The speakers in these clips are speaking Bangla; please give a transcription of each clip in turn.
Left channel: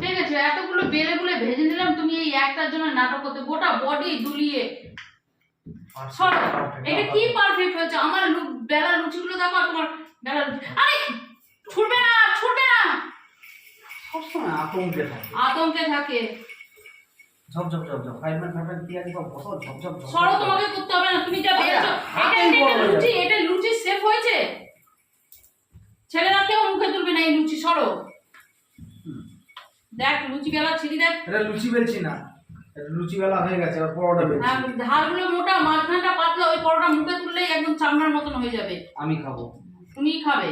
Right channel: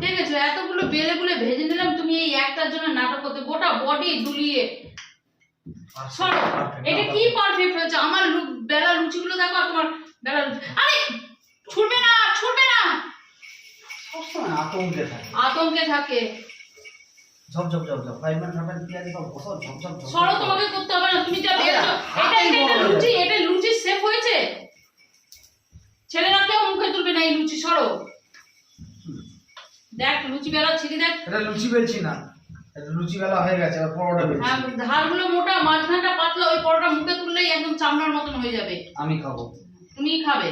ঠিক আছে, এতগুলো বেলে গুলে ভেজে নিলাম, তুমি এই একটার জন্য নাটক করতে গোটা বডি দুলিয়ে। সরো, এটা কি পারফেক্ট হয়েছে? আমার বেলা লুচিগুলো দেখো আর তোমার বেলা আরে ছুটবে না, ছুটবে না, সবসময় আতঙ্কে থাকে। আতঙ্কে থাকে। ঝপ ঝপ ঝপ ঝপ ফাইভম্যান ফাইভম্যান পিয়াজি সব বসো ঝপ ঝপ ঝপ। সরো, তোমাকে করতে হবে না, তুমি যা বেলছো। এটা লুচি, এটা লুচি সেফ হয়েছে। ছেলেরা কেউ মুখে তুলবে না এই লুচি। সরো, দেখ লুচি বেলা ছিড়ি দেখ। এটা লুচি বেলছি না, এটা লুচি বেলা হয়ে গেছে, আর পরোটা বেলছি। ধারগুলো মোটা, মাঝখানটা পাতলা, ওই পরোটা মুখে তুললেই একদম চামড়ার মতন হয়ে যাবে। আমি খাবো। তুমিই খাবে।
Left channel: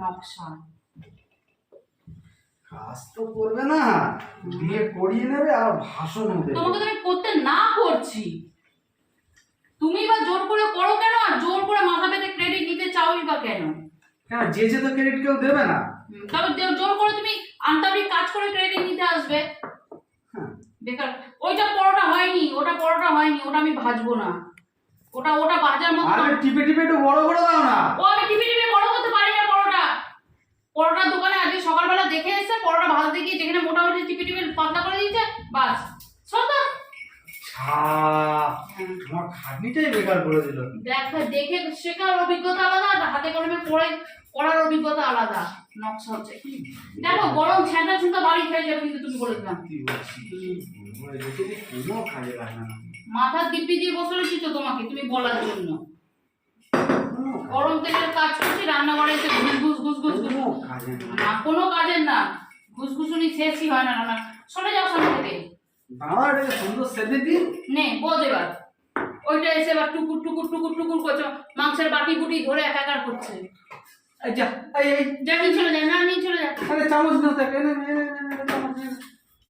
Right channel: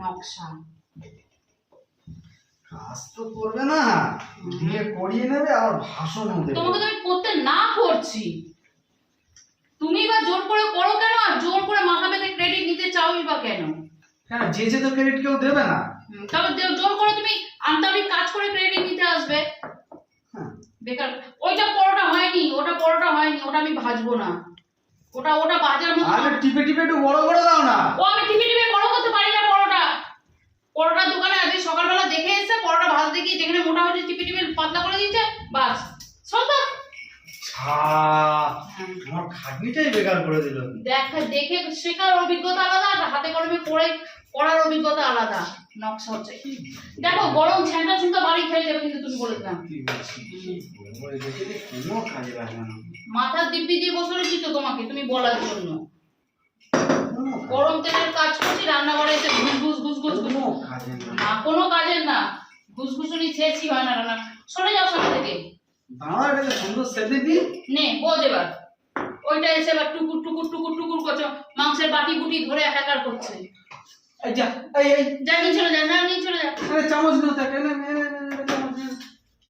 নকশা কাজ তো করবে না, দিয়ে করিয়ে নেবে আর ভাষণও দেবে। তোমাকে তো আমি করতে না করছি, তুমি বা জোর করে করো কেন? আর জোর করে মাথা পেতে ক্রেডিট নিতে চাওই বা কেন? হ্যাঁ, যে যে তো ক্রেডিট কেউ দেবে না। তারপর জোর করে তুমি আন্তাবড়ি কাজ করে ক্রেডিট নিতে আসবে। বেকার। ওইটা পরোটা হয়নি, ওটা পরোটা হয়নি, ওটা আমি ভাজবো না। ওটা ওটা ভাজার মতো। আরে টিপে টিপে একটু বড় করে দাও না। ও আমি টিপে টিপে বড় করতে পারি না পরোটা। পরোটার দোকানে আজকে সকালবেলা দেখে এসেছে, পরোটা ভাজতে গিয়ে যেখানে মোটা হয়েছে টিপে টিপে পাতলা করে দিয়েছে, বাস সব। আমার খাটনিটাই বেকার করে দিল। দেখে শেখার অভিজ্ঞতা আলাদা, আর হাতে কলমে পড়ে পড়ার অভিজ্ঞতা আলাদা। নকশা হচ্ছে দেখো, গরম ছেঁকা ছুঁকা বাড়ি খেয়ে যাবে, কিন্তু তুমি বলেছিলাম কোনো কাজে লাগে না। মাথার দিব্যি দিয়ে বসে রয়েছি তো তোমাকে, তুমি বলার জন্য। গরম তেলের কাজ করছি, রান্নাঘরে এসে ঘুস ঘুস ঘুস ঘুস ঘুস না, কোনো কাজের না। ঘুসঘুসুনি ছেঁচি হয় না রান্না। সরে যাও সামনে থেকে। দাঁড়া, এটা সুন্দর সেদ্ধে দিন। নে বোঝ এবার। ওইটা এসে এবার টুকুর টুকুর টুকুর টুকুর করছে, মাংসের বাটি বুটি ধরে একাকার করছে। এই যা, এই এই যা নিয়ে চলে যা, না নিয়ে চলে যা। আরে চামচ নাও, তাকে না